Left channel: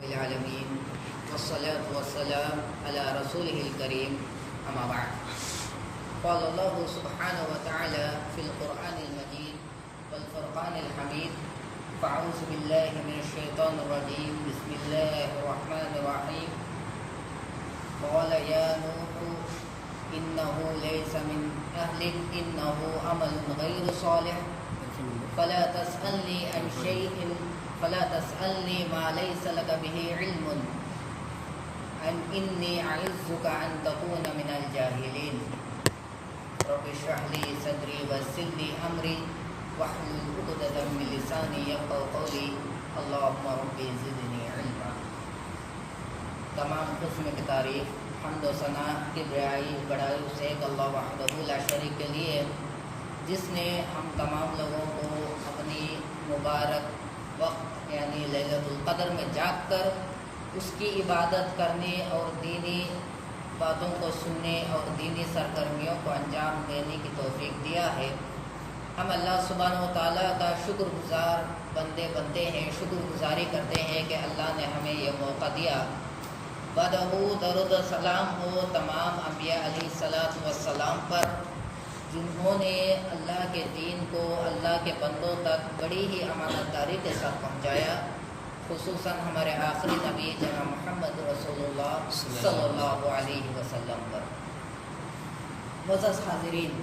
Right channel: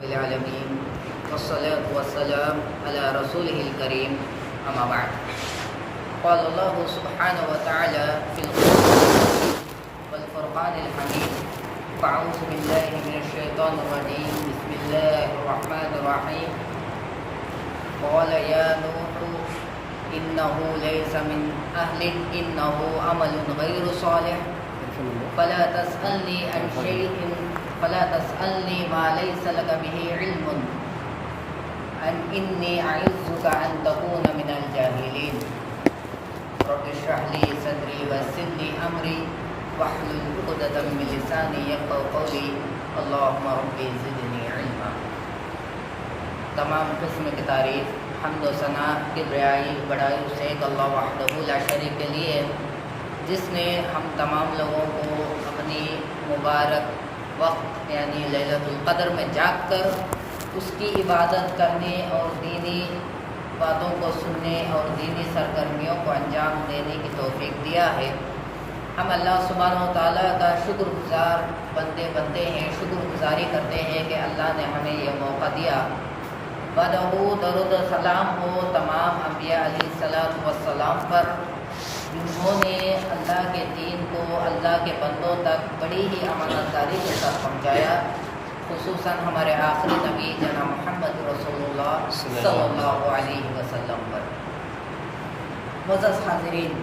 العالمين والصلاة والسلام على رسوله الكريم أما بعد. قال الله سبحانه وتعالى في القرآن والفرقان الحميد: فأعوذ بالله من الشيطان الرجيم بسم الله الرحمن الرحيم. قال يا نوح إنه ليس من أهلك إنه عمل غير صالح فلا تسألني ما ليس لك به علم إني أعظك أن تكون من الجاهلين. رب اشرح لي صدري ويسر لي أمري واحلل عقدة من لساني يفقهوا قولي اللهم رب زدني علما. تمام قسم کی تعریف حمد و ثنا کبریائی بڑائی اس ایک اللہ وحدہ لا شریک کے لیے جس نے ہم تمام لوگوں کو اپنی مبارک وقت یعنی لیلۃ القدر میں جاگ کر اس کی عبادت کرنے اور دینی باتوں کو سننے اور دینی سرگرمیوں کو انجام دینے کی توفیق دیا ہے. ہم اللہ سبحانہ و تعالیٰ کا شکر گزار بنتے ہیں، شکر گزاری کرتے ہیں کہ اللہ نے ہمیں یہ موقع دیا. درود و سلام ہو تمام انبیاء علیہ الصلوۃ والسلام پر جنہوں نے اللہ کے دین کو اللہ کے بندوں تک بڑی ہی امانت داری کے ساتھ پہنچایا، خصوصاً ہمارے آخری نبی جناب محمد رسول اللہ صلی اللہ علیہ وسلم پر. معزز حاضرین،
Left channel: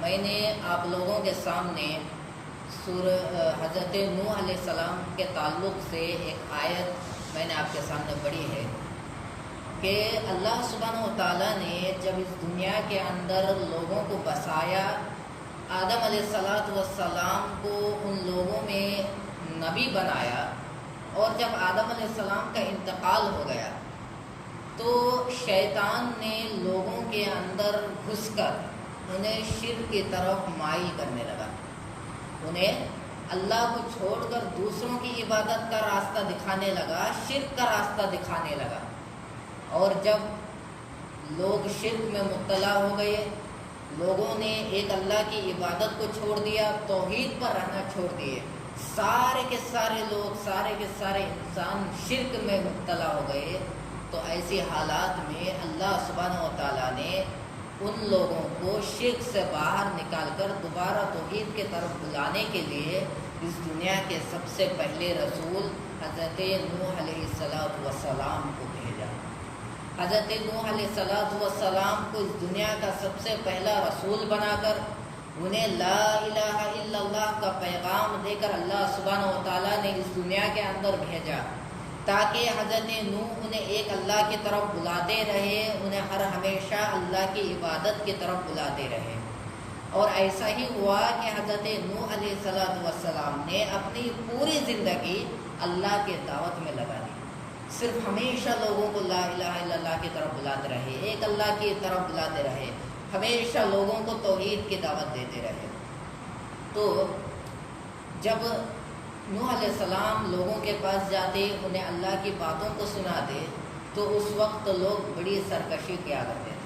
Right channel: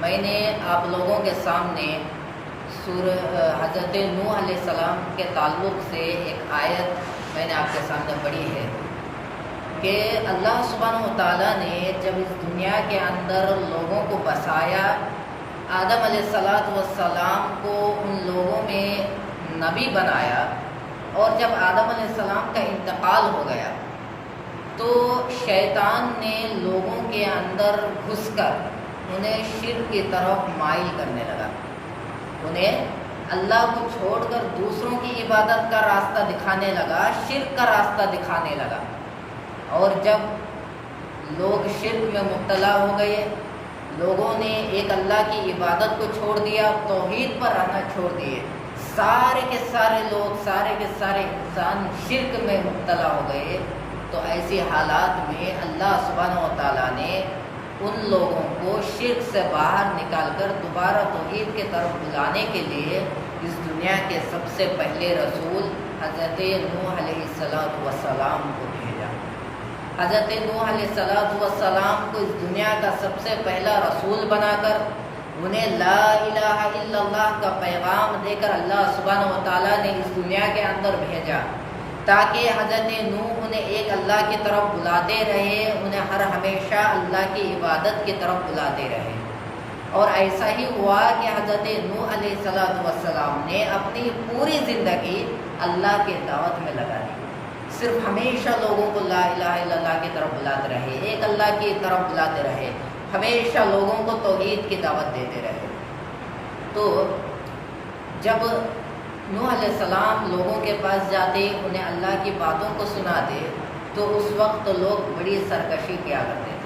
میں نے آپ لوگوں کے سامنے سورہ حضرت نوح علیہ السلام کے تعلق سے ایک آیت میں نے آپ کے سامنے پڑھی ہے کہ اللہ سبحانہ و تعالیٰ نے جب اس دنیا کے اندر لوگوں کو بسایا، آدم علیہ السلام کو ان لوگوں میں نبی بنایا، اور جب آدم علیہ السلام کا انتقال ہو گیا تو شیطان نے لوگوں کے اندر گھس کر انہیں شرک کی طرف مائل کرنے لگا، انہیں اللہ کو چھوڑ کر دوسروں کی عبادت کا راستہ دکھانے لگا، شرک کا راستہ دکھانے لگا. اور جب لوگ شرک میں مبتلا ہو گئے، لوگوں نے ایک اللہ کی عبادت کو چھوڑ دیا، توحید پر رہنا چھوڑ دیے، سارے کے سارے لوگ، سارے کے سارے انسان شرک میں مبتلا ہو گئے. تو ایسے حالات میں اللہ سبحانہ و تعالیٰ نے ان لوگوں کو شرک سے باہر نکال کر دوبارہ توحید کی طرف بلانے کے لیے اس دنیا کے سب سے پہلے رسول حضرت نوح علیہ السلام کو بھیجا. حضرت نوح علیہ السلام کو اس دنیا کا سب سے پہلا رسول بنا کر انہیں لا الہ الا اللہ کا پیغام دے کر اللہ سبحانہ و تعالیٰ نے اس دنیا کے اندر بھیجا تاکہ حضرت نوح انہیں ایک اللہ کی طرف بلاتے رہے، انہیں ہر ہمیشہ اللہ کی عبادت کی طرف بلاتے رہے. اور ایسا ہی ہوا کہ حضرت نوح علیہ السلام نے اپنی پوری زندگی اللہ کی دعوت میں لگا دی، صرف ہمیشہ لوگوں کو لا الہ الا اللہ کی طرف بلاتے رہے، ایک اللہ کی طرف بلاتے رہے، ہمیشہ لوگوں کو توحید کی دعوت دیتے رہے. تو جب نوح علیہ السلام لوگوں کے پاس جاتے، انہیں اللہ کی باتوں کو سناتے، تو اس وقت لوگ بڑی سرکشی کیا کرتے تھے.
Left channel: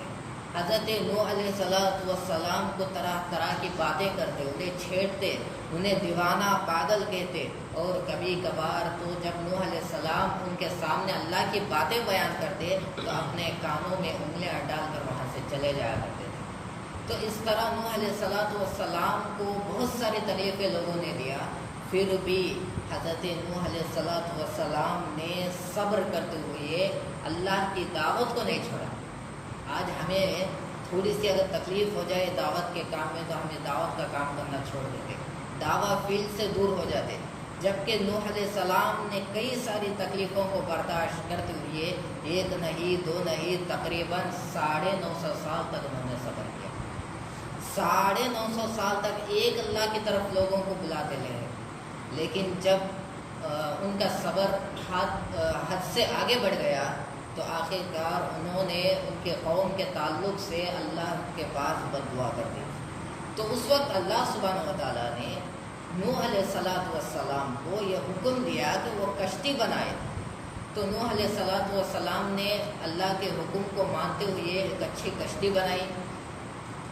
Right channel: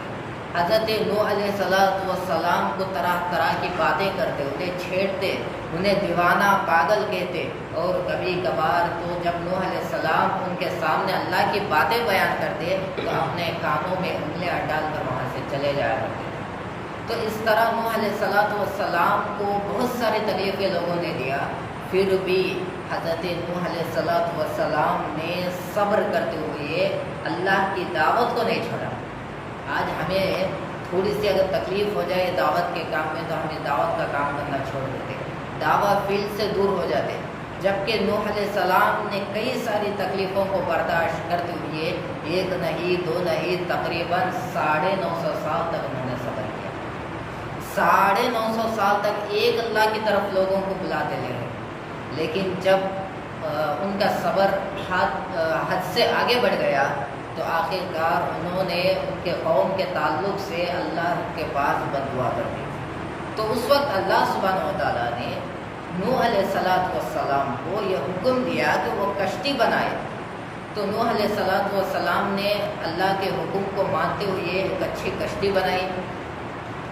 حضرت نوح علیہ السلام کو طرح طرح کی باتیں کرتے، انہیں چھیڑتے، انہیں دیوانہ پاگل کہتے. اور کبھی کبھار تو جب نوح علیہ السلام ان کے سامنے اللہ کی باتیں بیان کرتے تو اپنے کانوں میں انگلیاں ڈال کر وہاں سے چلے جایا کرتے. تو اس طرح نوح علیہ السلام کو بہت سارے طریقے لوگوں نے دیا، پھر بھی حضرت نوح علیہ السلام نے صبر کرتے ہوئے اللہ کی دعوت کو نہیں چھوڑا. آج ہمیں تھوڑی سی اگر تکلیف ہو جائے دعوت کے کام میں تو ہمیں دعوت کا کام کرنا چھوڑ دیتے، دعوت فیلڈ سے دور ہو جاتے، جبکہ نوح علیہ السلام نے کئی ساری تکلیفوں کو برداشت کرتے ہوئے ایک نہیں دو نہیں تقریباً 950 سال تک انہوں نے صبر کیا. 950 سال تک ایک اللہ کی طرف لوگوں کو بلاتے رہے، لیکن جب ان کا صبر حد سے آگے بڑھ گیا تو آخرکار انہوں نے ان کے قوم کے تعلق سے اللہ کے پاس بددعا کر دی. تو اس وقت اللہ سبحانہ و تعالیٰ نے نوح علیہ السلام کو یہ حکم دیا کہ وہ کشتی بنائے. تو نوح علیہ السلام نے اللہ کے حکم کو مانتے ہوئے ایک اچھی کشتی بنائی.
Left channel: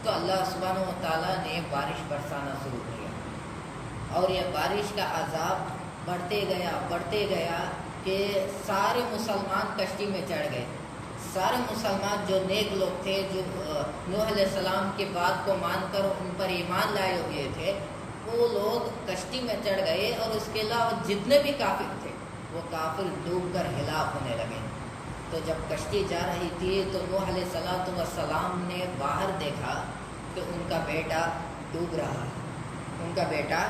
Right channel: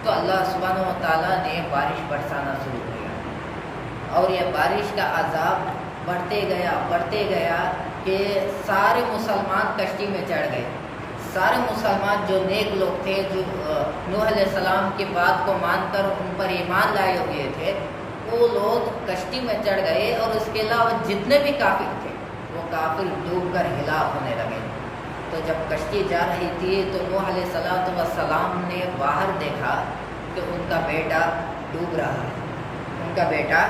تو اللہ سبحانہ و تعالیٰ نے بارش برسانا شروع کیا، اور یہ بارش کا عذاب بڑھتے گیا کہ سارے مسلمان کشتی میں چڑھ گئے. سارے مسلمان جو نیک لوگ تھے، جو نوح علیہ السلام کی بات کو مان کر ان پر ایمان لائے ہوئے تھے، وہ لوگ کشتی میں چڑھ گئے، اور اس کے علاوہ جتنے بھی کافر تھے وہ کافر ڈوب کر ہلاک ہونے لگے. تو جب کشتی جا رہی تھی تو نوح علیہ السلام نے باہر دیکھا کہ ان کا بیٹا ڈوب رہا ہے. ان کا بیٹا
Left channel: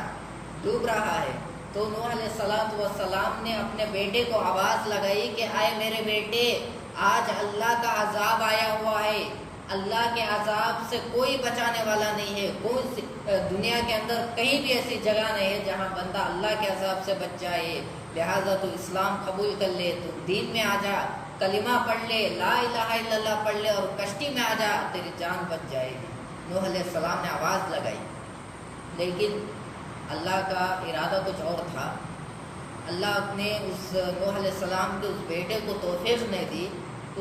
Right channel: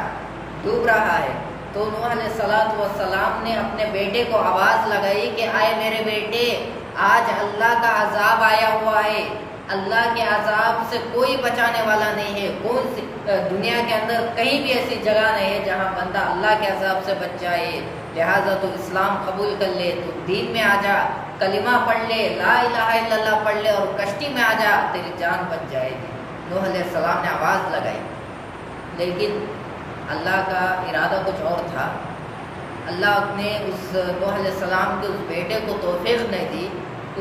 ڈوب رہا ہے. تو نوح علیہ السلام نے اپنے بیٹے کو آواز لگائی کہ آئے میرے بیٹے، آج اللہ کا عذاب آیا ہوا ہے. اللہ کے عذاب سے کوئی بچانے والا نہیں ہے. کوئی دنیا کے اندر کہیں بھی ایسی جگہ نہیں ہے جہاں بندہ اللہ کے عذاب سے بچ جائے. لہٰذا تو اسلام قبول کر لے، تو دین میں آ جا، کلمہ پڑھ لے، لا الہ الا اللہ پڑھ لے، اور کشتی میں آ جا، تیری جان بچ جائے گی. نوح علیہ السلام نے آواز لگائی، لیکن اللہ کا ارادہ کچھ اور تھا. اللہ نے اس نوح علیہ السلام کے اس بیٹے کو توفیق نہیں دی.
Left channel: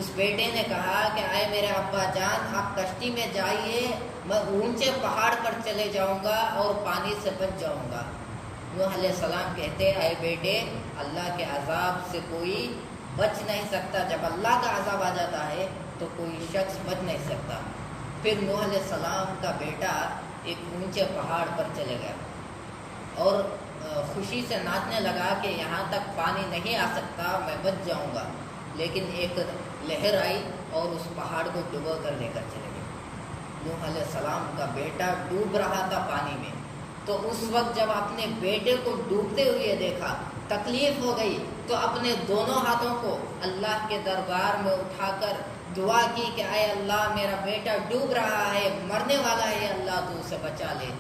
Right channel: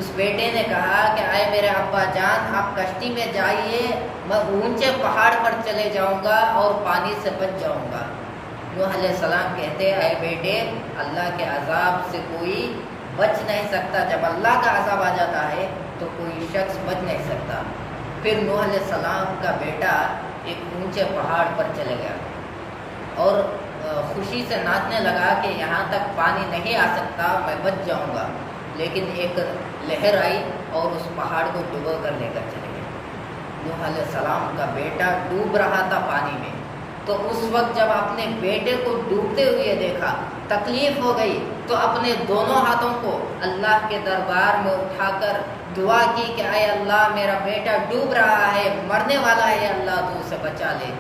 اس بیٹے نے کہا کہ آئے میرے ابا جان، آپ کشتی میں جائیے، میں اونچے پہاڑ پر چلے جاؤں گا اور پانی سے بچ جاؤں گا. نوح علیہ السلام کہتے، آئے بیٹے، اللہ کے عذاب سے کوئی بچ نہیں سکتا. جب اللہ کا عذاب آ جاتا ہے تو کوئی شخص بچ نہیں سکتا. پھر نوح علیہ السلام کا بیٹا ایک اونچے پہاڑ پر چلے گیا اور خوشی سے ناچنے لگا کہ یہاں تک پانی نہیں آ سکتا، میں بچ جاؤں گا. لیکن ایک لہر آئی اور اس پہاڑ کو ڈبو کر لے کر چلے گئے. نوح علیہ السلام کا بیٹا ڈوب رہا تھا پانی میں. تو اس وقت جب اپنے بیٹے کو ڈوبتے ہوئے دیکھا، تکلیف ہو گئی، تو اپنے دونوں ہاتھوں کو اللہ کے دربار میں اٹھا کر دعا کی کہ اے اللہ، میرا بیٹا ڈوب رہا ہے، مرنے والا ہے، اللہ تو اسے بچا لے.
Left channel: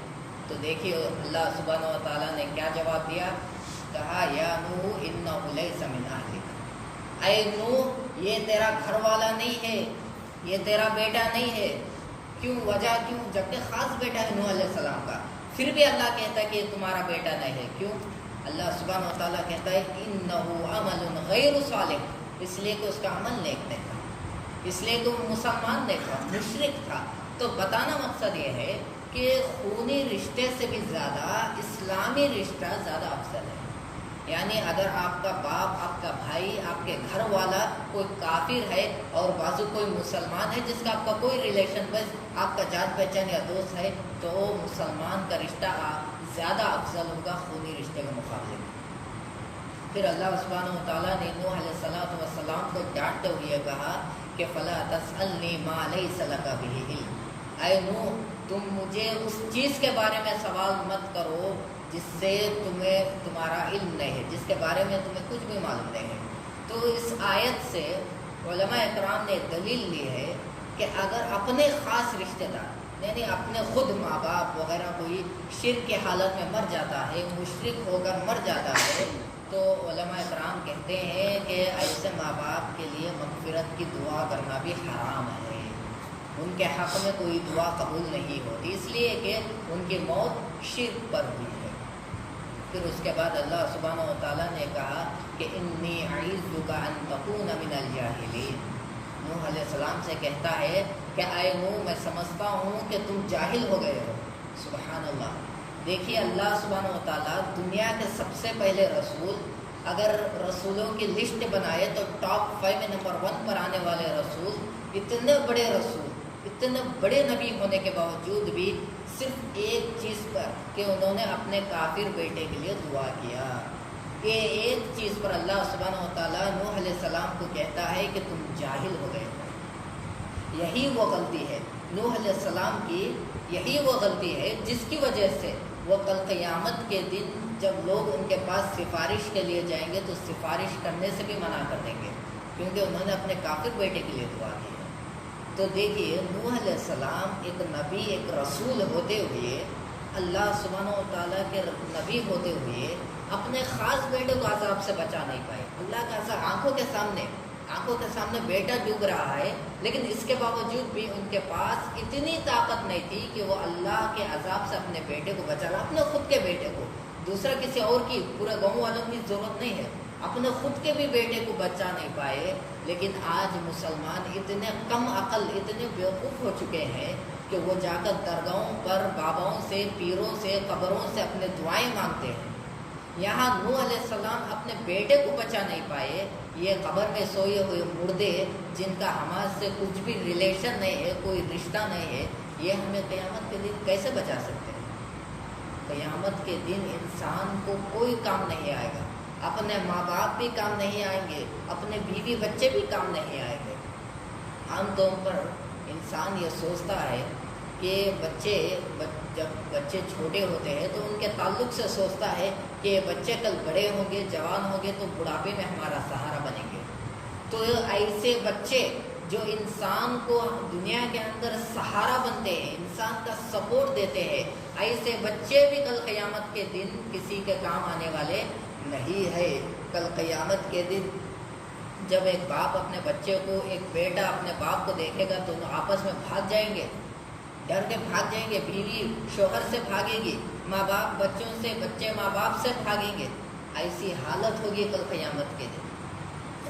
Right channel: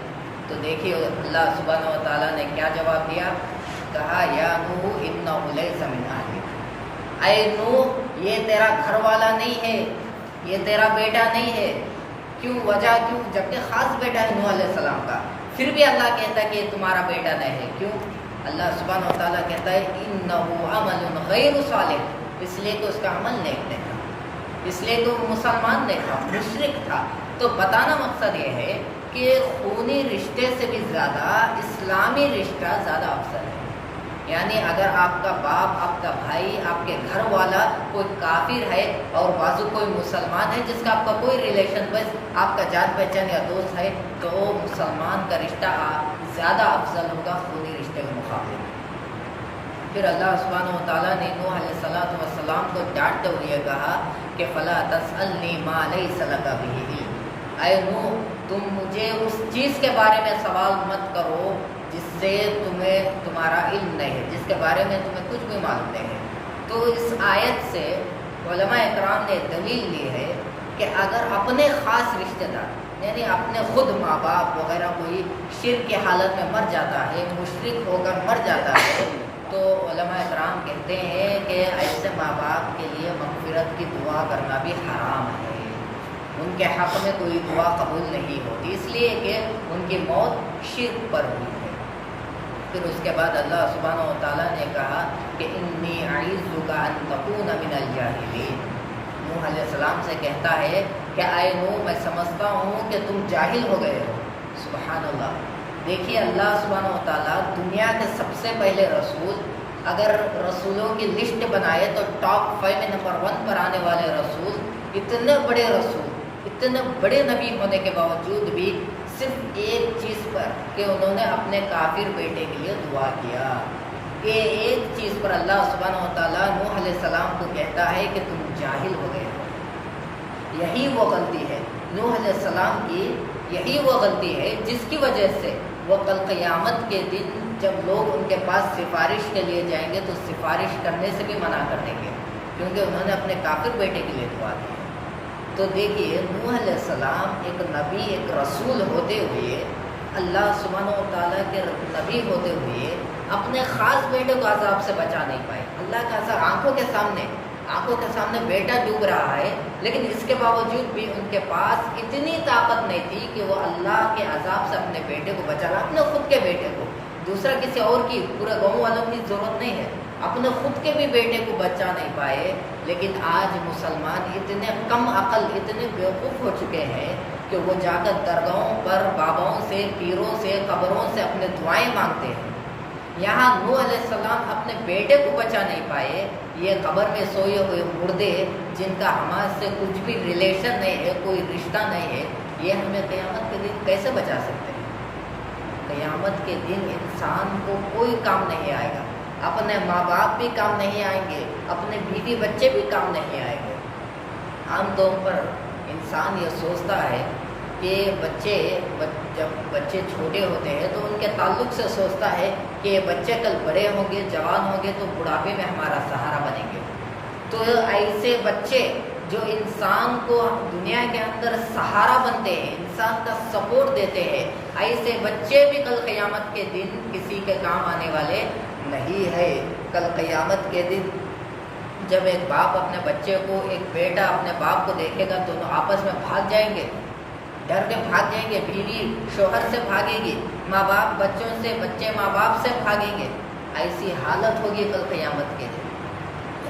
تو دیکھیے اللہ سبحانہ و تعالیٰ نے کیا جواب دیا. کہا یا نوح انہ لیس من اہلک، اے نوح یہ تیرا گھر والا نہیں ہے، یہ تیرا بیٹا نہیں ہے. کیوں؟ وجہ کیوں؟ جبکہ خاص بیٹا ہے نوح علیہ السلام کا، پھر بھی اللہ کہتا ہے کہ یہ تمہارا بیٹا نہیں ہے. کیوں؟ اللہ سبحانہ و تعالیٰ کہتا ہے انہ عمل غیر صالح، اس لیے کہ اس کا عمل نیک نہیں تھا، اس لیے کہ وہ مسلمان نہیں تھا، مشرک تھا. تو بتانا مقصد یہ ہے کہ خونی رشتے سے بھی زیادہ اسلامی رشتہ زیادہ افضل ہے. یعنی اگر آپ کا باپ، آپ کا بھائی، آپ کے گھر والا کوئی کافر ہے اور بازو کوئی مسلمان ہے جس کا آپ کا کوئی ریلیشن، بس آپ کا جان پہچان یا دوست ہے، تو مسلمان کا رشتہ زیادہ افضل ہوگا خونی رشتے کے مقابلے میں. پھر اللہ سبحانہ و تعالیٰ نے نوح علیہ السلام کو ڈانٹتے ہوئے کہا کہ فلا تسألنی ما لیس لک بہ علم، اے نوح تم مجھے اس چیز کے بارے میں سوال مت کرو جس سے تمہارا علم نہیں ہے، جس کے بارے میں تمہیں کچھ بھی معلوم نہیں ہے. تو اس آیت سے علماء اکرام نے دلیل لی ہے کہ اگر اپنے خاص رشتہ دار، یعنی اپنے خود ماں باپ وغیرہ کوئی شرک کی حالت میں مر جاتا ہے، مشرک ہو کر مر جاتا ہے، تو علماء اکرام کہتے ہیں کہ ایسے ماں باپ کے لیے مغفرت کی دعا کرنا بھی حرام ہے. ان کے حق میں کوئی دعا قبول نہیں ہوتی، اس لیے کہ ان کی موت شرک پر ہوئی ہے. پھر اس کے بعد اللہ سبحانہ و تعالیٰ نے کہا کہ انی اعیذک ان تکون من الجاہلین. نوح علیہ السلام سے کہتا ہے کہ اے نوح میں سمجھتا ہوں کہ تم جاہل ہو گئے ہو. سبحان اللہ. دیکھیے اللہ سبحانہ و تعالیٰ دنیا کے سب سے پہلے رسول، اگر رسولوں کی لسٹ بنائے تو ٹاپ 5 میں نمبر 1 پر آنے والے رسول، اتنے بڑے رسول، اتنے بڑے نبی ہونے کے باوجود بھی صرف ایک چیز پر کہ انہوں نے اپنے کافر بیٹے کے لیے دعا کیا. یہ ایک چیز پر اللہ سبحانہ و تعالیٰ نوح علیہ السلام کو کہتا ہے کہ تم جاہل ہو گئے ہو. یہی وہ غلطی ہے نوح علیہ السلام کی، یہی وہ غلطی ہے جس کی وجہ سے وہ کل قیامت کے دن جب لوگ ان کے پاس سفارش کے لیے جائیں گے تو سفارش کرنے سے بھی منع کر دیں گے، کیونکہ انہوں نے اپنے کافر بیٹے کے لیے دعا کی. تو دیکھیے نوح علیہ السلام ایک نبی، ایک رسول ہوتے ہوئے، اللہ سبحانہ و تعالیٰ کے نبی ہوتے ہوئے اپنے خاص بیٹے کو عذاب سے بچا نہیں پائے. اللہ کا عذاب آنکھوں کے سامنے بیٹا ڈوب رہا ہے، لیکن اس کے باوجود بھی ان کے پاس اتنی طاقت نہیں تھی کہ وہ اللہ کے عذاب سے اپنے بیٹے کو بچا لا. اپنے خود کے بیٹے کو، دوسرا کسی اور کی، پورے گاؤں والوں کی ضرورت نہیں ہے، اپنے خود کے بھی بیٹے کو بچا نہیں پائے. لیکن آج مسلمان اتنے کم عقل، اتنے بیوقوف ہو چکے ہیں کہ وہ جا کر درگاہوں پر باباؤں سے، پیروں سے، قبروں سے اپنے دعائیں مانگتے ہیں. یہاں نوح علیہ السلام اپنے بیٹے کو بچا نہیں پائے، یہ قبر میں سوئے ہوئے مردے جن کا ہمارے سے کچھ بھی ریلیشن نہیں ہے، کوئی رشتہ نہیں ہے، یہ ہمیں قیامت کے دن کیسے بچا سکتے ہیں؟ قیامت کے دن انسان کو کوئی کام نہیں آئے گا، اپنے ماں باپ بھی کام نہیں آئیں گے، اپنے بیوی بچے بھی کام نہیں آئیں گے۔ عام طور پر انسان یہ سوچتا ہے کہ جب بچے چھوٹے ہوتے ہیں تو ان کے تعلق سے سوچتا ہے کہ یہ بچے کل بڑے ہوں گے، جوان ہوں گے تو بڑھاپے میں ہمارا سہارا بنیں گے۔ تو ایسے بچے جو انسان کو دنیا کے اندر سہارا بنتے ہیں، انسان کا سپورٹ دیتے ہیں، ایسے بچے بھی کل قیامت کے دن کسی کے کام آنے والے نہیں ہے۔ کل قیامت کے دن جب ایک باپ اپنے بچے کو، ایک بیٹا اپنے باپ کو دیکھے گا، دونوں آپس میں بھاگ جائیں گے، ڈر کے بھاگ جائیں گے، بیوی شوہر سے بھاگے گی، ماں باپ بچوں سے، بچے ماں باپ سے بھاگیں گے۔ ایسی حالت ہوگی کل قیامت کے دن۔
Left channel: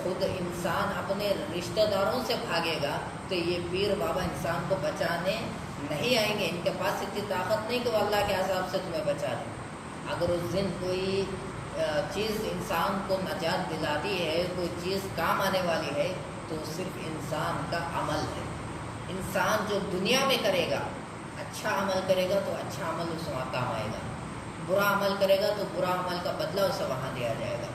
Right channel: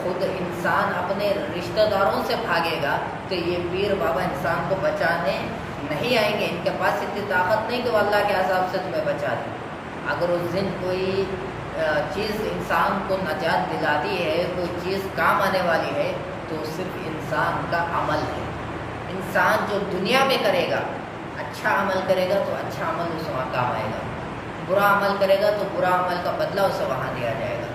خود انسان اپنے رشتہ داروں سے بھاگے گا تو یہ پیر بابا انسان کو بچانے نہیں آئیں گے، ان کے پاس اتنی طاقت نہیں کہ وہ اللہ کے عذاب سے تمہیں بچا دیں۔ اگر اس دن کوئی چیز انسان کو نجات دلاتی ہے، کوئی چیز کام آنے والی ہے تو صرف انسان کا عمل ہے۔ انسان جو دنیا میں کرے گا، اچھا عمل کرے گا تو اچھا عمل اسے وہاں کام آئے گا، برا عمل کرے گا تو برا عمل کا بدلہ اسے وہاں دیا جائے گا۔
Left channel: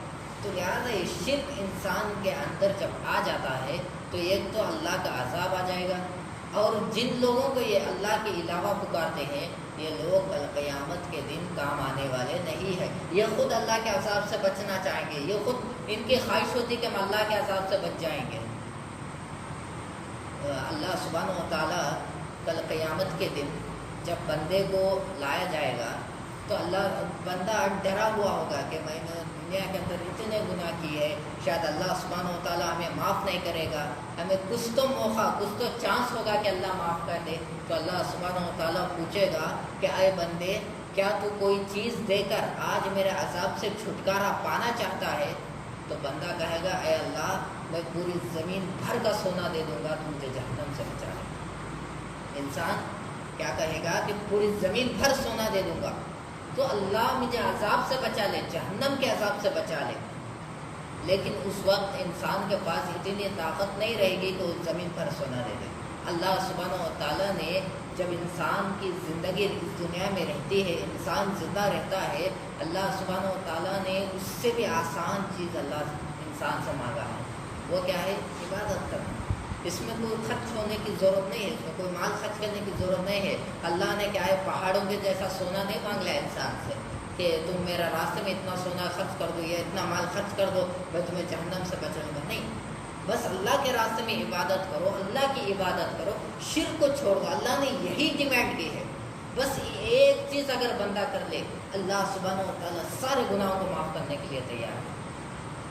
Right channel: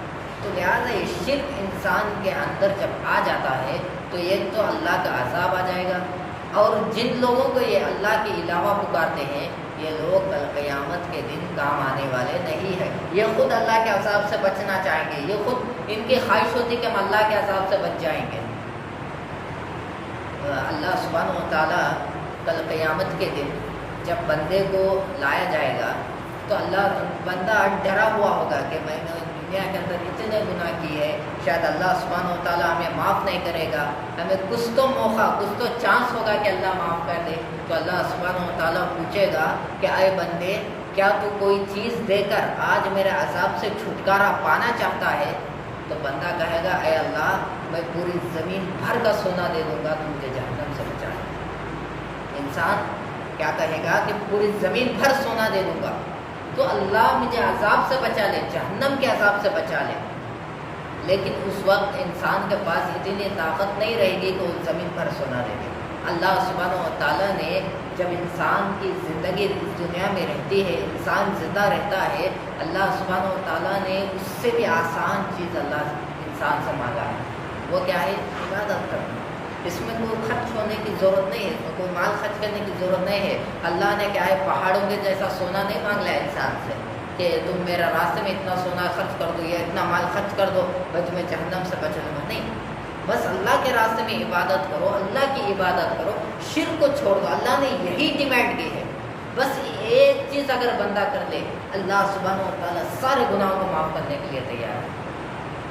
تو لہٰذا یہ شرک انسان کے اندر جب آ جاتا ہے تو ایک تو اللہ کا عذاب آ جائے گا، اور جن لوگوں کو یہ اللہ کے علاوہ پکارتے ہیں یہ لوگ قیامت کے دن کام آنے والے نہیں ہیں۔ یہ خود اللہ کے عذاب سے بچنا چاہیں گے، یہ خود ان کی خواہش ہوتی کہ ہم اللہ کے عذاب سے بچ جائیں گے۔ اللہ سبحانہ و تعالیٰ کل قیامت کے دن جب بندے کو لایا جائے گا تو بندہ ڈرا ہوا ہوگا کہ میں نے دنیا کے اندر کتنے گناہ کیے ہیں، شاید اللہ سبحانہ و تعالیٰ ہمیں معاف نہیں کرے گا، ہمیں کچھ تو موقع، کچھ تو چانس ہوگا کہ اللہ معاف کر دے۔ تو اللہ سبحانہ و تعالیٰ پوچھے گا کہ اے بندے، کیا تو کوئی چیز دے کر آج میرے عذاب سے چھٹکارا پانا چاہتا ہے؟ تو بندہ کہے گا اے اللہ، میں پوری زمین بھر کا سونا دے دوں گا، تو مجھے جہنم سے بچا لے۔ انسان کیا کہے گا کہ پوری زمین بھر سونا دے دوں گا تو اللہ مجھے عذاب سے بچا لے، جہنم کے عذاب سے بچا لے۔ لیکن اس وقت انسان کے پاس اتنی طاقت نہیں رہے گی تو اس زمین پر سونا دے دے۔ اللہ سبحانہ و تعالیٰ نے جب انسان کی زندگی اس دنیا میں رہتی ہے، انسان زندہ رہتا ہے، اللہ سبحانہ و تعالیٰ نے اس سے بھی آسان چیز اللہ انسان سے مانگا ہے۔ وہ کیا ہے؟ عبادت کرنا۔ اس میں کوئی خرچ ہونے کی ضرورت نہیں ہے، اس میں کوئی مال خرچ کرنے کی ضرورت نہیں ہے۔ اللہ نے کیا ہے، پہاڑوں کے جیسا سونا نہیں مانگ لیا انسان سے کہ تم میرا راستے میں اتنا سونا خرچ کر دو یا اتنا مال خرچ کر دو بھائی تمہیں جہنم سے بچنے میں۔ نہیں، بس اللہ کے راستے میں عبادت کرو، اللہ کی عبادت کرو، شرک کو چھوڑ دو۔ اللہ نے یہی ڈیمانڈ کی ہے، بس ایک چیز اگر بندہ کر لے، اللہ سبحانہ و تعالیٰ سارے گناہوں کو معاف کرنے کے لیے تیار ہے۔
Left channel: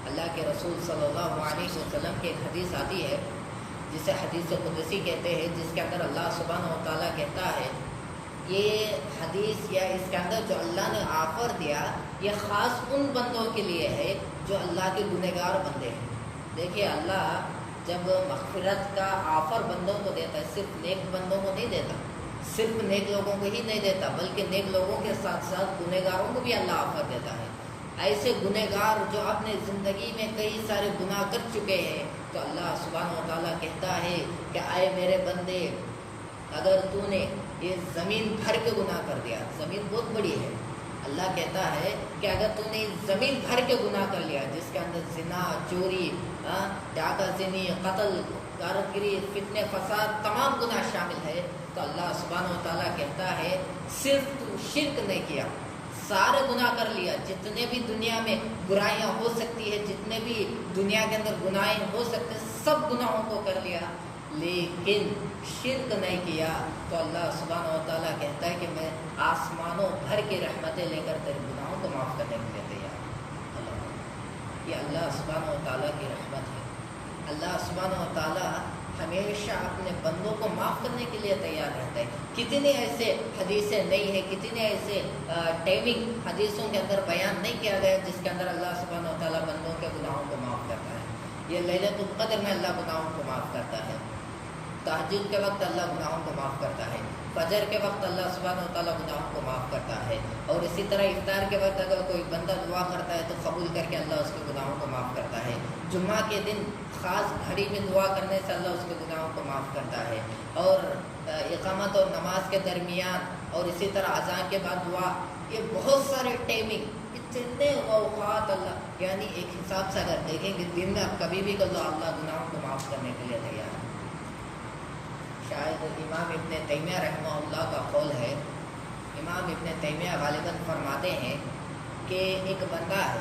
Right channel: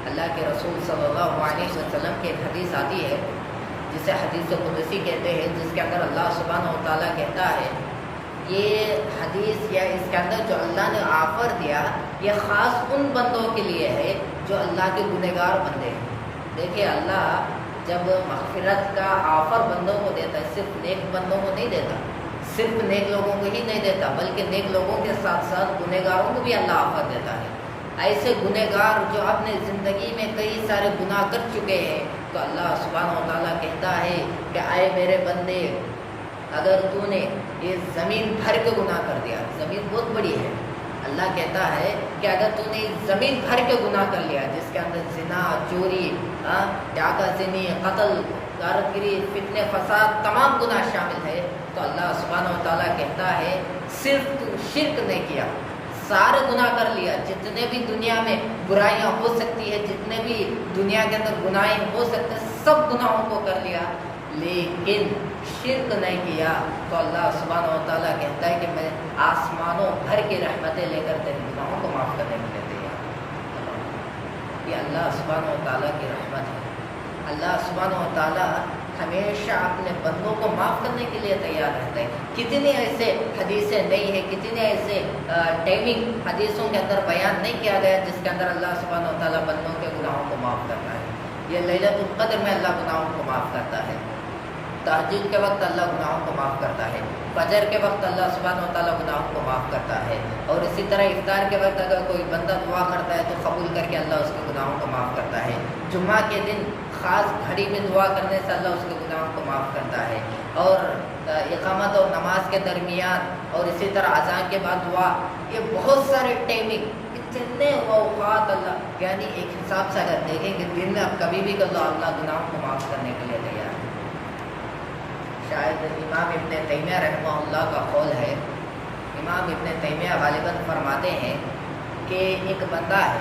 اللہ کے رسول صلی اللہ علیہ وسلم کی ایک حدیث آتی ہے جسے حدیث قدسی کہتے ہیں، جس کے اندر اللہ سبحانہ و تعالیٰ کہتا ہے، یہ حدیث یا اس کے اندر جو اللہ نے آفر دیا یہ خاص ان بندوں کے لیے ہے جو اللہ کے گنہگار بندے ہیں۔ دیکھیے اللہ جب مغفرت کا آفر بندوں کو دیتا ہے، صرف نیک بندوں کو نہیں دیتا، صرف نیک لوگوں کو ہی نہیں دیتا بلکہ نیک لوگوں کے ساتھ ساتھ گنہگاروں کو بھی اللہ آفر دیتا ہے۔ ایسے گنہگار جو اپنے زندگی میں کئی سارے گناہ کر چکے ہیں تو اللہ سبحانہ و تعالیٰ کہتا ہے کہ اے میرے بندے، اگر تو نے یہ زمین بھر کے گناہ کر دیا، زمین بہت بڑی ہے، اللہ کہتا ہے کہ اگر تو نے زمین بھر کے گناہ کر لیا جس کے اندر زنا، چوری، ڈاکہ زنی، قتل، غارتگری، فتنہ، فساد، تمام گناہ شامل ہے، تو اللہ سبحانہ و تعالیٰ کہتا ہے صرف تو شرک نہیں کیا، سارے گناہ کر لیا، جتنے بھی دنیا میں برائیاں ہو سکتی ہے، جتنے بھی دنیا کے اندر گناہیں ہو سکتے ہیں، سب گناہوں کو کر لیا لیکن شرک نہیں کیا، تو اللہ سبحانہ و تعالیٰ کہتا ہے کہ میں آسمانوں بھر کی رحمتیں لے کر تیرے گناہوں کو معاف کرنے کے لیے تیار ہوں۔ یہ اللہ سبحانہ و تعالیٰ کی رحمت ہے۔ اللہ سبحانہ و تعالیٰ ہمیشہ اپنے بندوں کو معاف کرنے کے لیے تیار رہتے ہیں۔ کتنے ایسے حدیثیں نہیں ہیں، کتنے ایسے ٹائمنگ حدیثوں کے اندر بیان نہیں کیا گیا جس کے اندر اللہ سبحانہ و تعالیٰ بندوں کے گناہوں کو معاف کرتا ہے۔ یہ لیلۃ القدر میں اللہ گناہوں کو معاف کرتا ہے۔ تہجد کے وقت اللہ گناہوں کو معاف کرتا ہے، فجر کے وقت اللہ سبحانہ و تعالیٰ گناہوں کو معاف کرتا ہے، اور اسی طرح افطار کے وقت اگر کوئی بندہ دعا کرتا ہے تو قبول کر کے اللہ اس کے گناہوں کو معاف کرتا ہے، جمعہ کے دن خاص گھڑی میں دعا کرنے سے اللہ اس کے گناہوں کو معاف کرتا ہے، اور اقامت اور نماز کے درمیان اور اسی طرح اذان کے بعد دعا، یہ بہت سارے ٹائمنگ، اتنے اوقات اللہ، یعنی ایک حساب سے اگر دیکھیں کہ دن میں اب کبھی بھی اللہ گناہوں کو معاف کرنے کے لیے تیار ہے۔ شاید امام ابن تیمیہ رحمہ اللہ کا قول ہے، امام ابن تیمیہ غالباً فرماتے ہیں کہ ایک بندہ ہے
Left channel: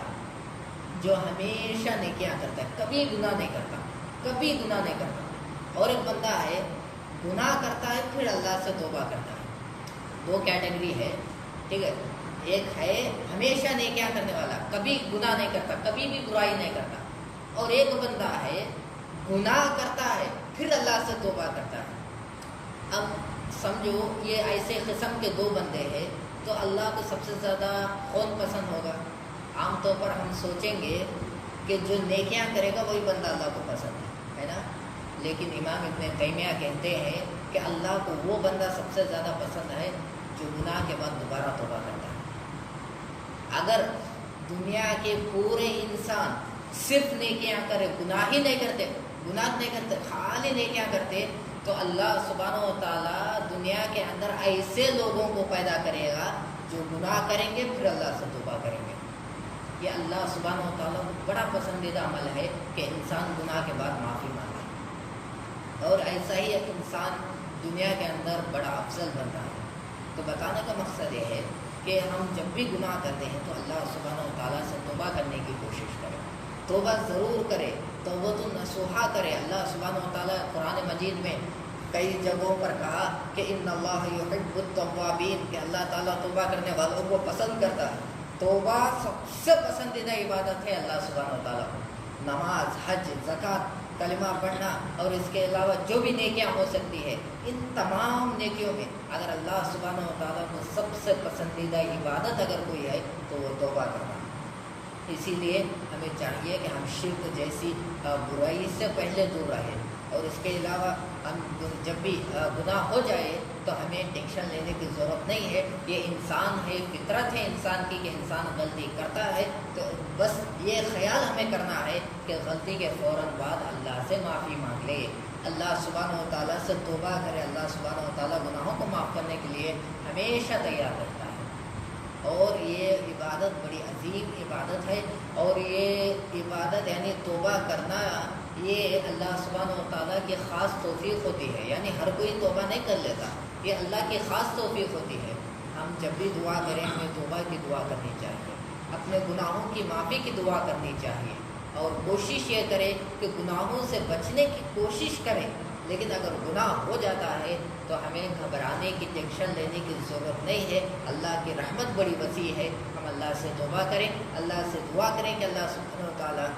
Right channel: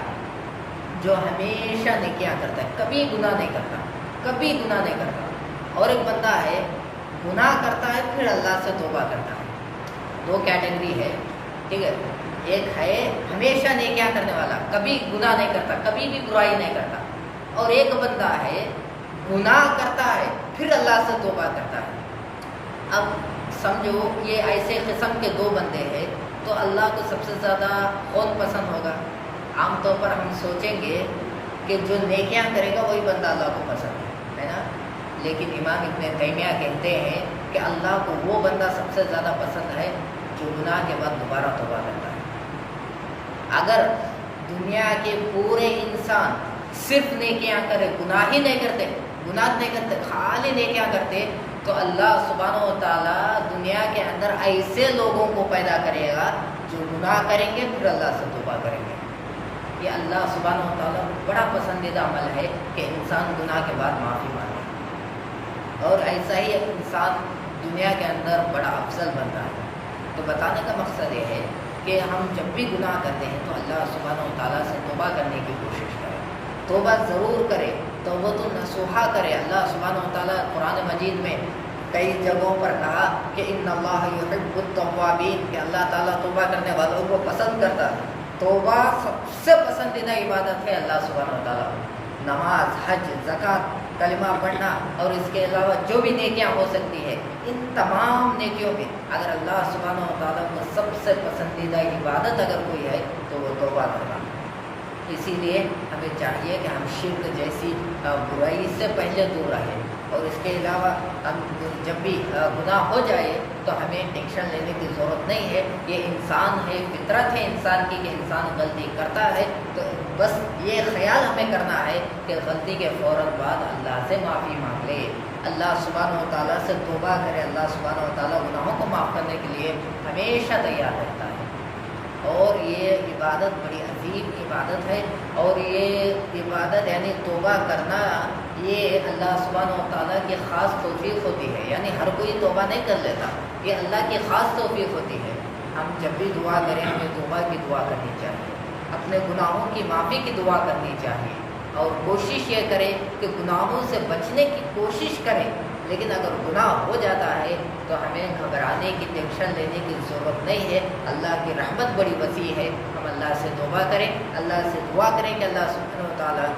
جو ہمیشہ نیکیاں کرتا ہے، کبھی گناہ نہیں کرتا، کبھی گناہ نہیں کرتا، اور ایک بندہ ہے گناہ کرتا ہے پھر اللہ سے توبہ کرتا ہے۔ دو کیٹیگری ہے، ٹھیک ہے، ایک ہے ہمیشہ نیکیاں کرنے والا، کبھی گناہ نہیں کرتا، کبھی بھی برائی نہیں کرتا، اور ایک بندہ ہے گناہ کرتا ہے پھر اللہ سے توبہ کرتا ہے۔ اب سمجھو یہ ایسے قسم کے دو بندے ہیں تو اللہ کو سب سے زیادہ کون پسند ہوگا؟ عام طور پر ہم سوچیں گے کہ جو نیکیاں کرے گا وہی بندہ اللہ کو پسند ہے نا، لیکن امام ابن تیمیہ کہتے ہیں کہ اللہ کو وہ بندہ سب سے زیادہ پسند ہے جو گناہ کے بعد دوبارہ توبہ کرتا ہے۔ اگر دنیا کے پورے انسان صرف نیکیاں کرے، گناہ ہی نہیں کرتے، گناہ نہیں کرتے، خالی نیکیاں کرتے، تو اللہ سبحانہ و تعالیٰ دنیا کے اندر ایسے لوگوں کو پیدا کرے گا جو گناہ کریں گے پھر اللہ سے توبہ کریں گے۔ یہ اللہ سبحانہ و تعالیٰ بڑا پسندیدہ عمل ہے کہ انسان گناہ کے بعد معافی مانگے، اور ایسا ہی انسان دنیا کے اندر بڑا افضل بنتا ہے۔ تو بتانے کا مقصد یہ ہے کہ ہم جب بھی گناہ کرتے ہیں تو اللہ سبحانہ و تعالیٰ سے توبہ کرنے کی کوشش کریں، توبہ ضرور کرے، توبۃ نصوحہ کرے۔ اللہ سبحانہ و تعالیٰ قرآن مجید میں کئی جگہوں پر کہا کہ ان اللہ یحب التوابین، کہ اللہ تعالیٰ توبہ کرنے والوں کو پسند کرتا ہے۔ توبہ سب سے پسندیدہ عبادت ہے اللہ سبحانہ و تعالیٰ کو۔ نماز، حج، زکوٰۃ، کلمہ پڑھنا اور اس کے علاوہ جو بھی نیکیاں ہو سکتی ہے، ان تمام نیکیوں میں اگر اللہ سبحانہ و تعالیٰ کو سب سے پسندیدہ عبادت اگر کوئی ہے تو وہ توبہ کرنا۔ اسی لیے ہمیں چاہیے کہ ہم شرک جیسی برائی سے پہلے دور رہیں، اور اس کے علاوہ ہم جب بھی گناہ ہو جائے تو ہمیں ٹینشن لینے کی ضرورت نہیں ہے، یہ انسان ہے، فطرت ہے انسان کی کہ انسان غلطی کرتا ہے، تو بس یہ خیال ہمیں کرنا ہے کہ غلطی کے فوراً بعد اللہ سے معافی مانگ لے، اللہ سبحانہ و تعالیٰ سے توبہ کرے۔ اللہ سبحانہ و تعالیٰ گناہوں کو معاف کرنے کے لیے ہمیشہ تیار رہتا ہے، اور یہ عبادت بڑی عظیم عبادت ہے، اور یہ عبادت یعنی توبہ کرنا یہ اللہ سبحانہ و تعالیٰ کی خاص توفیق ہوتی ہے، یعنی ہر کوئی توبہ نہیں کر لیتا، یہ اللہ کی خاص توفیق ہوتی ہے۔ ہم جب بھی دعا کریں ہمیں توبہ کی دعا کرنی چاہیے، اپنے گناہوں کی معافی کی دعا کرنی چاہیے، اور کوشش یہ کرے کہ گناہوں سے بچنے کی کوشش کرے، لیکن اگر گناہ ہو جاتا ہے تو ہمیں گھبرانے کی، ٹینشن لینے کی ضرورت نہیں ہے۔ اللہ کی رحمت بڑی وسیع ہے، ہم اللہ سے توبہ کریں، اللہ سے دعا کریں کہ اللہ سبحانہ و تعالیٰ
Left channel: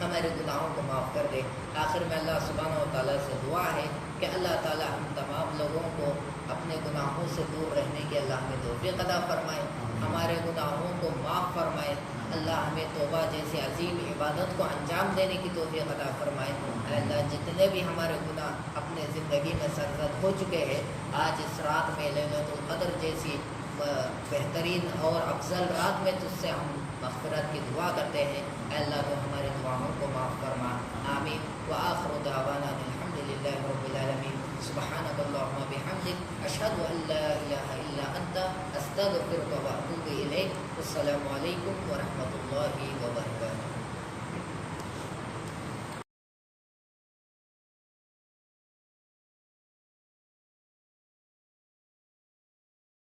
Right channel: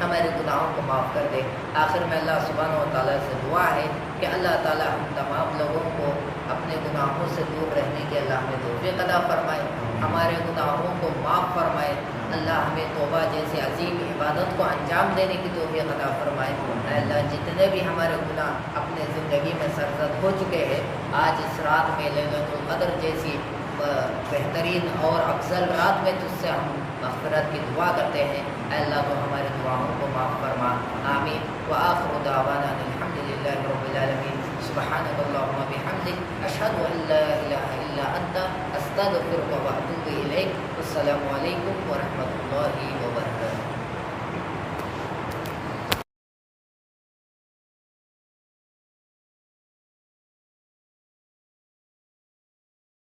ہمارے گناہوں کو معاف کر دے۔ آخر میں اللہ سبحانہ و تعالیٰ سے دعا ہے کہ اللہ تعالیٰ ہم تمام لوگوں کو اپنے گناہوں سے دور رہنے کے اللہ ہمیں توفیق عطا فرمائے، ہمارے گناہوں کو معاف فرمائے، اللہ ہمیں توبہ جیسے عظیم عبادت کو انجام دینے کی توفیق عطا فرمائے۔ اے اللہ جتنے بھی ہمارے گناہ اپنے زندگی میں سرزد ہو چکے ہیں، آج اس رات میں لیلۃ القدر جیسی بہترین اور افضل رات میں تجھ سے ہم مغفرت کی دعا کرتے ہیں۔ اے اللہ تو ہمارے دعاؤں کو معاف فرما، آمین۔ وآخر دعوانا الحمد للہ رب العالمین۔ سبحانک اللہم وبحمدک، اشہد ان لا الہ الا انت، استغفرک واتوب الیک۔ السلام علیکم ورحمۃ اللہ وبرکاتہ۔